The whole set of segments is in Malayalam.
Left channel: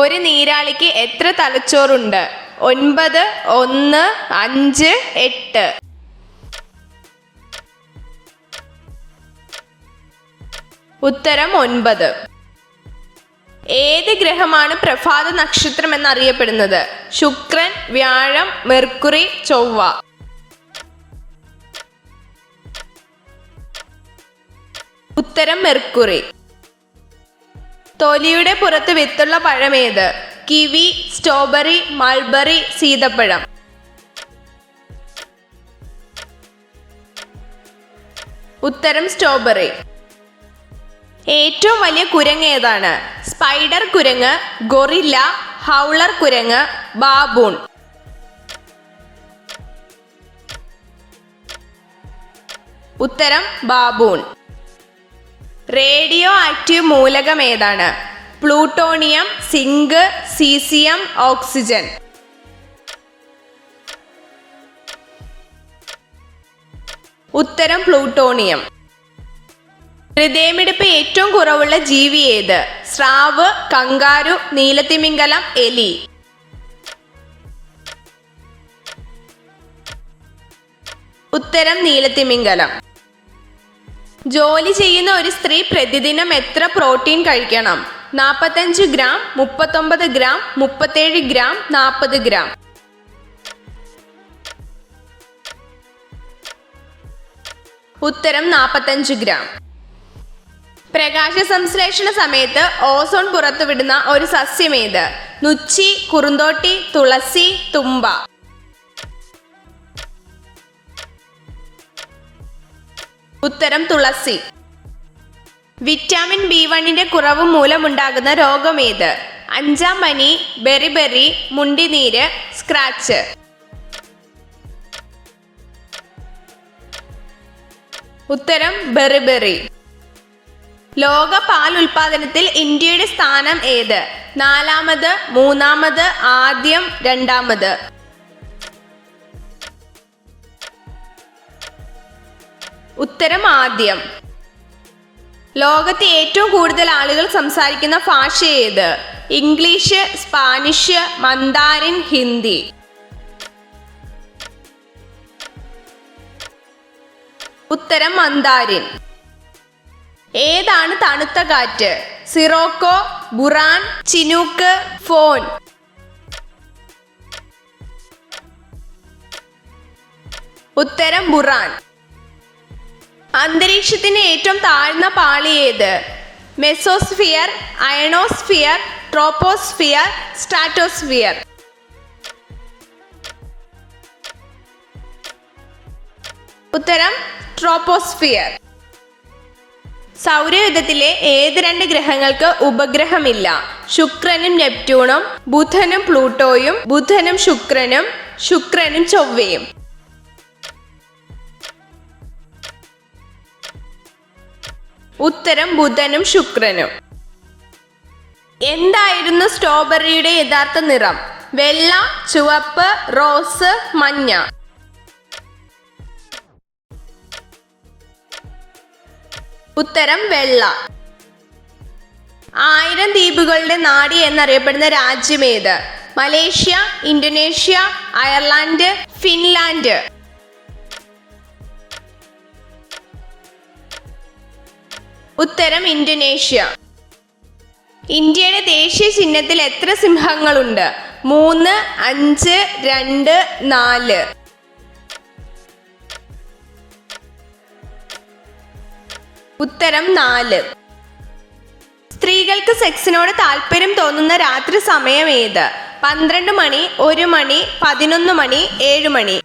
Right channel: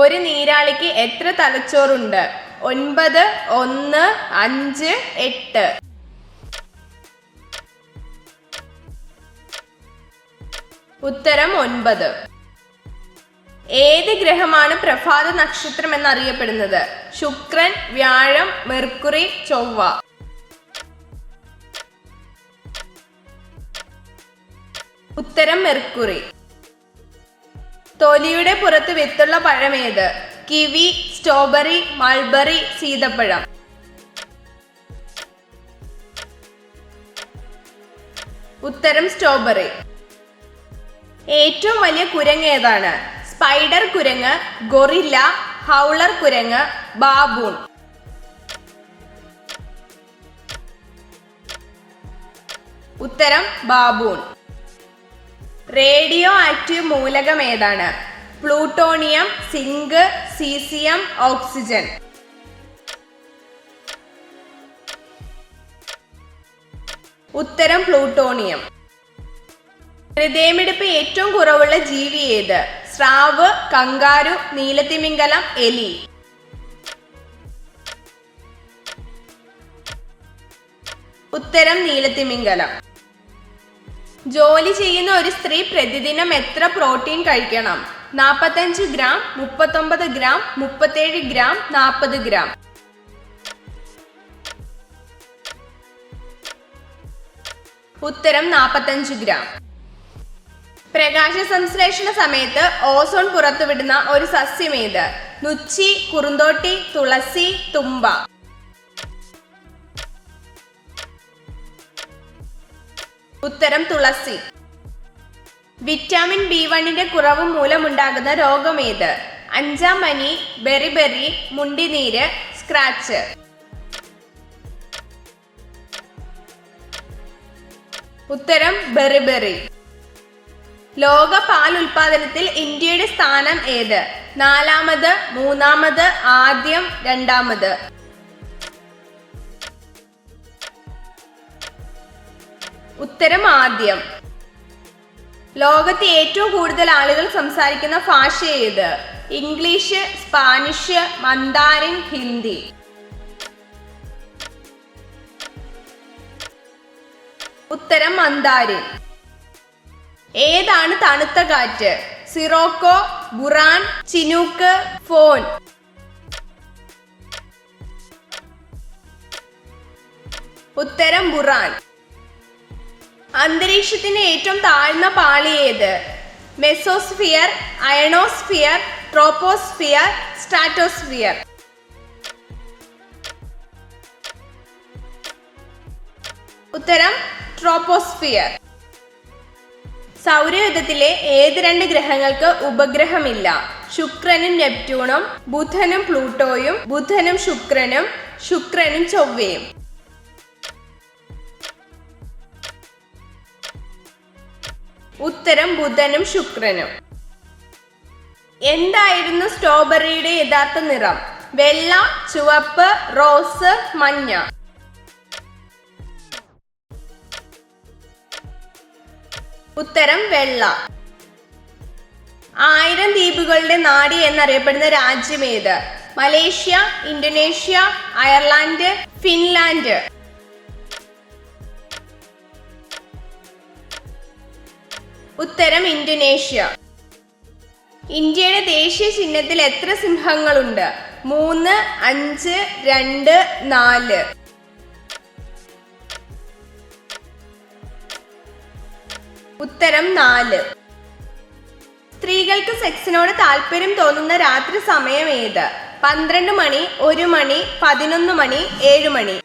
ഒരു നീരാളിക്ക് എത്ര തലച്ചോറുണ്ട്? 9, 1, 5, 8. ഉത്തരം 9. ഏത് ഗ്രഹമാണ് പ്രഭാത നക്ഷത്രം എന്നറിയപ്പെടുന്നത്? ശുക്രൻ, വ്യാഴം, മെർക്കുറി, ചൊവ്വ. ഉത്തരം മെർക്കുറി. തൊലിയുടെ പുറത്ത് വിത്തുള്ള പഴമേത്? കിവി, സ്ട്രോബെറി, മൾബറി, സീതപ്പഴം. ഉത്തരം സ്ട്രോബെറി. ഏറ്റവും വലിയ കുരങ്ങ് ഏതാണ്? സ്പൈഡർ കുരങ്ങ്, ഗൊറില്ല, ഹൗളർ കുരങ്ങ്, ബാബൂൺ. ഉത്തരം ബാബൂൺ. റേഡിയോ ആക്റ്റീവ് മൂലകം ഏതാണ്? Plutonium, zinc, caesium, oxygen. ഉത്തരം പ്ലൂട്ടോണിയം. ഹൃദയമിടിപ്പ് ഏറ്റവും കുറവുള്ള ജീവി ഏത്? സ്രാവ്, കങ്കാരു, നീലത്തിമിംഗലം, എലി. ഉത്തരം നീലത്തിമിംഗലം. ജോലി ചെയ്യുന്ന ഒരു സ്ത്രീ പ്രതിദിനം എത്ര പ്രോട്ടീൻ കഴിക്കണം? 45 ഗ്രാം, 39 ഗ്രാം, 37 ഗ്രാം, 40 ഗ്രാം. ഉത്തരം 45 ഗ്രാം. പ്രകാശ സംശ്ലേഷണ സമയത്ത് ഓസോൺ പുറത്തുവിടുന്ന ഒരു സസ്യം ഏത്? നുച്ചി, കുറുന്തോട്ടി, തുളസി, തുമ്പ. ഉത്തരം തുളസി. വിറ്റാമിൻ B1 കുറവ് മൂലമുണ്ടാകുന്ന രോഗം ഏത്? അഞ്ചാം പനി, ബെറിബെറി, മുണ്ടിനീര്, സ്ക്രാച്ച്. ഉത്തരം ബെറിബെറി. ലോക പാൽ ഉൽപാദനത്തിൽ ഇന്ത്യയുടെ സ്ഥാനം ഏത്? 4ാമത്, 3ാമത്, ആദ്യം, 2ാമത്. ഉത്തരം ആദ്യം. ലോകത്ത് ഏറ്റവും കൂടുതൽ ആളുകൾ സംസാരിക്കുന്ന ഭാഷ ഏത്? English, Spanish, മന്ദാരിൻ, Hindi. ഉത്തരം മന്ദാരിൻ. ഏതാണ് തണുത്ത കാറ്റ്? സിറോക്കോ, ബുറാൻ, ചിനൂക്ക്, ഫോൺ. ഉത്തരം ബുറാൻ. അന്തരീക്ഷത്തിന്റെ ഏറ്റവും താഴ്ന്ന പാളി ഏത്? Mesosphere, ionosphere, troposphere, stratosphere. ഉത്തരം ട്രോപ്പോസ്ഫിയർ. സൗരയൂഥത്തിലെ ഏത് 2 ഗ്രഹങ്ങൾക്ക് ഉപഗ്രഹമില്ല? ശുക്രനും നെപ്റ്റ്യൂണും, ബുധനും പ്ലൂട്ടോയും, ബുധനും ശുക്രനും, ശുക്രനും ചൊവ്വയും. ഉത്തരം ബുധനും ശുക്രനും. എന്തായിരുന്നു സ്ട്രോബെറിയുടെ യഥാർത്ഥ നിറം? വെള്ള, ചുവപ്പ്, റോസ്, മഞ്ഞ. ഉത്തരം വെള്ള. 1000 ദ്വീപുകളുടെ നാട് എന്നറിയപ്പെടുന്ന രാജ്യം ഏത്? Malaysia, Indonesia, Ireland, Finland. ഉത്തരം ഇന്തോനേഷ്യ. ഇന്ത്യയുടെ ദേശീയ ചിഹ്നത്തിൽ എത്ര സിംഹങ്ങളുണ്ട്? 3, 5, 2, 4. ഉത്തരം 4. സ്ത്രീകൾക്ക് സെക്സിനോട് താല്പര്യം തോന്നുന്ന രാത്രി സമയം ഏത്? 12 മണി, 1 മണി, 11 മണി, 7 മണി.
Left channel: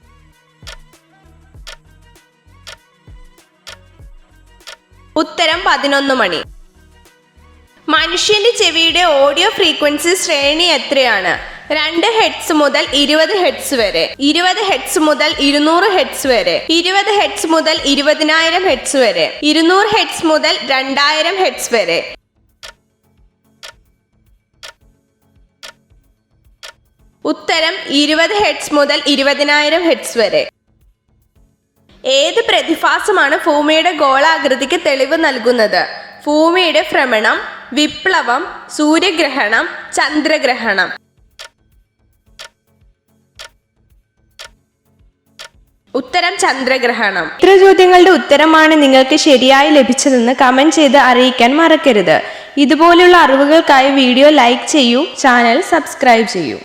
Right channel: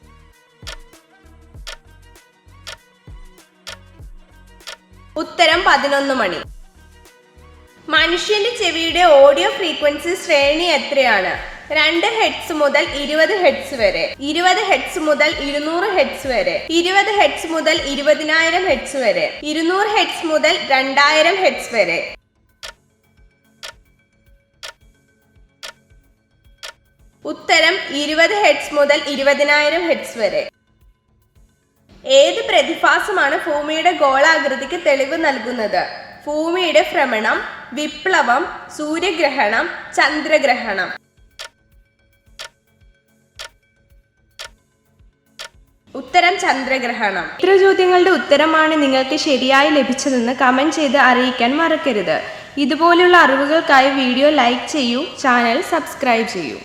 ഉത്തരം 11 മണി. മനുഷ്യന്റെ ചെവിയുടെ ഓഡിയോ ഫ്രീക്വൻസി ശ്രേണി എത്രയാണ്? 2 ഹെർട്സ് മുതൽ 20 ഹെർട്സ് വരെ, 20 ഹെർട്സ് മുതൽ 200 ഹെർട്സ് വരെ, 20 ഹെർട്സ് മുതൽ 20,000 ഹെർട്സ് വരെ, 200 ഹെർട്സ് മുതൽ 2000 ഹെർട്സ് വരെ. ഉത്തരം 20 ഹെർട്സ് മുതൽ 20,000 ഹെർട്സ് വരെ. ഏത് പ്രതിഭാസമാണ് ഭൂമിയുടെ ഗോളാകൃതിക്ക് തെളിവ് നൽകുന്നത്? ഭൂമിയുടെ ഭ്രമണം, വിപ്ലവം, സൂര്യഗ്രഹണം, ചന്ദ്രഗ്രഹണം. ഉത്തരം ചന്ദ്രഗ്രഹണം. ഇത്ര ചോദ്യങ്ങളുടെ ഉത്തരമാണ് നിങ്ങൾക്ക് ശരിയായി ലഭിച്ചതെന്ന് കമന്റ് ചെയ്ത് അറിയിക്കാൻ മറക്കരുത്. ഇതുപോലുള്ള അറിവുകൾക്കായി വീഡിയോ ലൈക്ക് ചെയ്യൂ, ചാനൽ സബ്സ്ക്രൈബ് ചെയ്യൂ.